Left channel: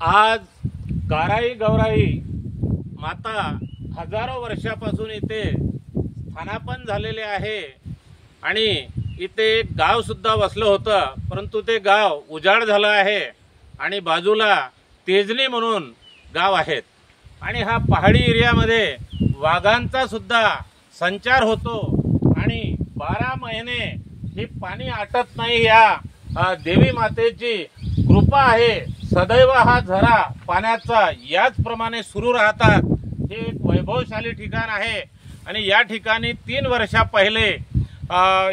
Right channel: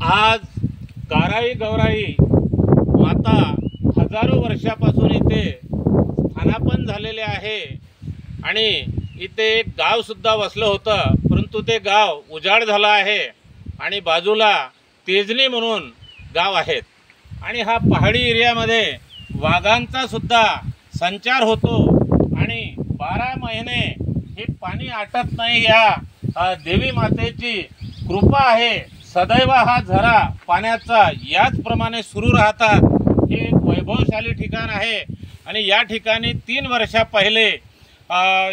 आज काराई गौराई माता हजारो वर्षापासून इथे स्थानापन्न झालेले आहे आणि इथे एक गाव सुद्धा वसलं होतं, परंतु ते गाव उजाड झालं आहे आणि बाजूला तेजनी म्हणून गाव आहेत आणि हा पहाडी एरियामध्ये वाघांचा सुद्धा संचार होतो आणि 12 महिने हे पाणी आटत नाही। या देवी मातेची कृपा आहे, सदैव हा झरा पाण्याचा याचप्रमाणे सुरू राहतात। हे एक वैभवशाली ठिकाण आहे आणि या ठिकाणी 3 वर्षा पहिले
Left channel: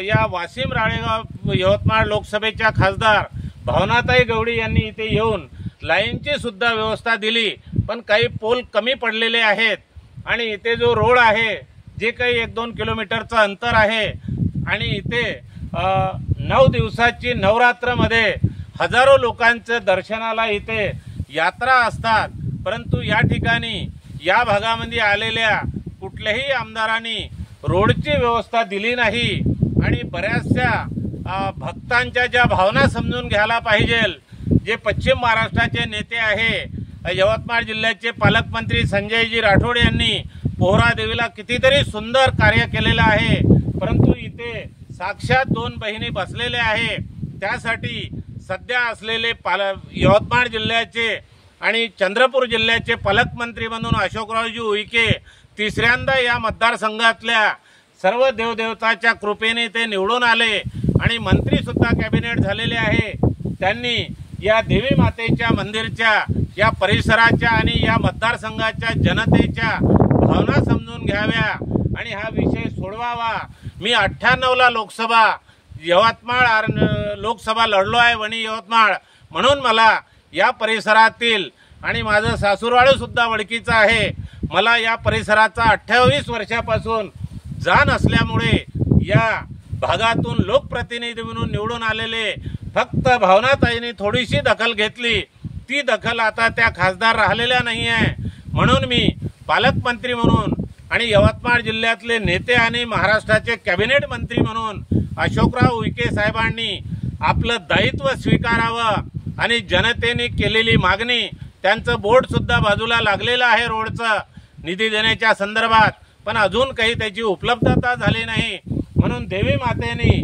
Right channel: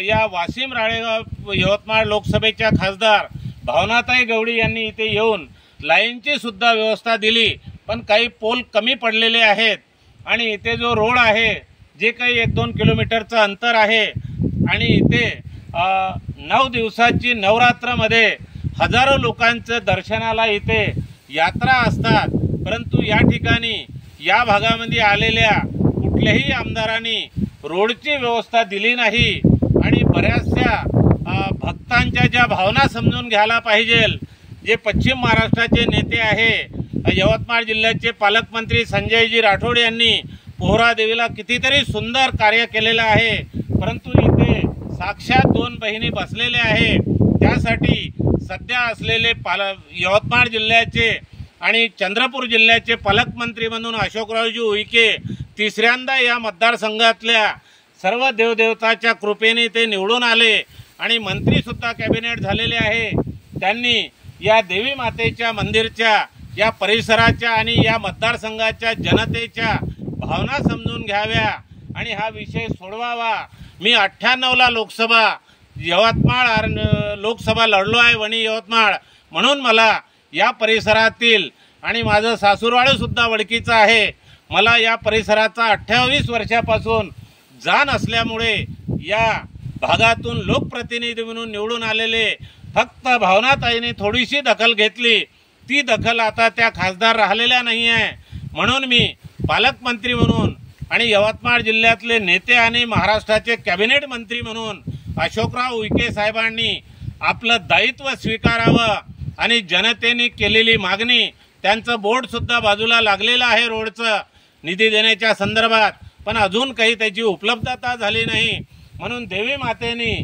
या वाशिम राळेगाव यवतमाळ लोकसभेच्या खासदार भावनाताई गवडी यांनी इथे येऊन लाईनची सुद्धा व्यवस्था दिली, पण काही पोल कमी पडलेले आहेत आणि इथे जो रोड आहे जे काही 1-2 किलोमीटरचं अंतर आहे आणि इथे 9 दिवसाची नवरात्रमध्ये हजारो लोकांचं दर्शनाला इथे यात्रा असतात, परंतु या ठिकाणी या भागामध्ये आलेल्या कुठल्याही आमदारांनी रोडची व्यवस्था दिली नाही आणि बऱ्याचशा भक्तांच्या ज्या भावना समजून घ्यायला पाहिजे। जे पश्चिम महाराष्ट्राचे नेते आहे, यवतमाळ जिल्ह्याचे पालकमंत्री संजयजी राठोड यांनी पोहरा देवीला कितीतरी सुंदर कार्य केलेलं आहे, परंतु इथे साक्षात 2 बहिणी बसलेल्या आहे। त्यासाठी सध्या असलेले यवतमाळ जिल्ह्याचे आणि चंद्रपूर जिल्ह्याचे पालकमंत्री म्हणून अशोकरावजी उईके तिसऱ्यांदा या मतदारसंघातल्या सर्व देवदेवताच्या कृपेने ते निवडून आले आणि मंत्री सुद्धा कॅबिनेट झालेले आहे। त्यांनी या देवी मातेच्या मंदिरच्या या परिसराच्या आणि या मतदारसंघाच्या जनतेच्या भावना समजून घ्याव्या आणि हा विषय सोडवावा। मी 98ला लोकसभा यवतमाळ लोकसभा लढलो आहे, वणी यवतमाळ, म्हणून मला या परिसरातील आणि माझं सासूरवाडी सुद्धा वडकीचं आहे, मला या परिसराचा 28 वर्षापासून जाण असल्यामुळे या भागातून लोकप्रतिनिधी म्हणून निवडून आलेले फक्त भावनाताईंनी थोडीशी दखल घेतली, ती दखल आता त्या खासदार राहिलेल्या नाही आहे। म्हणून मी पालकमंत्री म्हणून आणि यवतमाळ जिल्ह्यातले नेते आणि महाराष्ट्राचे कॅबिनेट मंत्री म्हणून अशोकराव उईके साहेबांनी आपलं दायित्व स्वीकारावं आणि जनतेने केलेली मागणी, त्यांचं बोर्ड सुद्धा बाजूला लागलेलं आहे रोडचं निधी देण्याच्या संदर्भात, पण अजून काही त्याची उपलब्धता झाली नाही। म्हणून देवी मातेने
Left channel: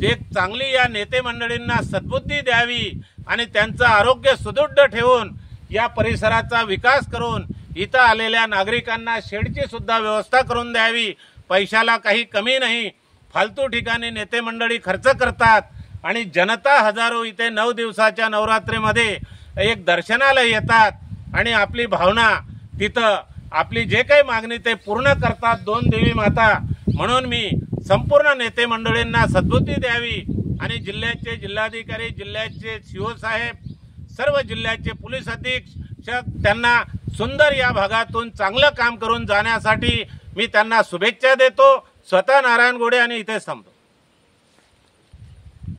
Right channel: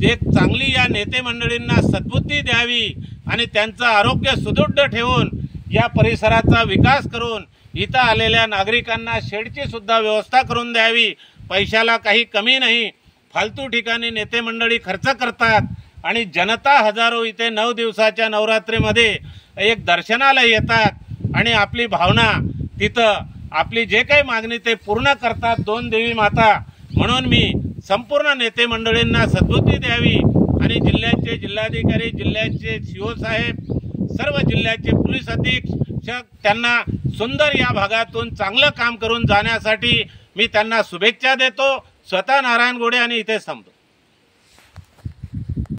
जे चांगली या नेते मंडळींना सद्बुद्धी द्यावी आणि त्यांचं आरोग्य सुदृढ ठेवून या परिसराचा विकास करून इथं आलेल्या नागरिकांना शेडची सुद्धा व्यवस्था करून द्यावी। पैशाला काही कमी नाही, फालतू ठिकाणी नेते मंडळी खर्च करतात आणि जनता हजारो इथे 9 दिवसाच्या नवरात्रीमध्ये एक दर्शनाला येतात आणि आपली भावना तिथं आपली जे काही मागणी ते पूर्ण करतात 2 देवी माता। म्हणून मी संपूर्ण नेते मंडळींना सद्बुद्धी द्यावी आणि जिल्ह्याचे जिल्हाधिकारी, जिल्ह्याचे सीओ साहेब, सर्व जिल्ह्याचे पोलीस अधीक्षक त्यांना सुंदर या भागातून चांगलं काम करून जाण्यासाठी मी त्यांना शुभेच्छा देतो। स्वतः नारायण गोडे आणि इथे थांबतो।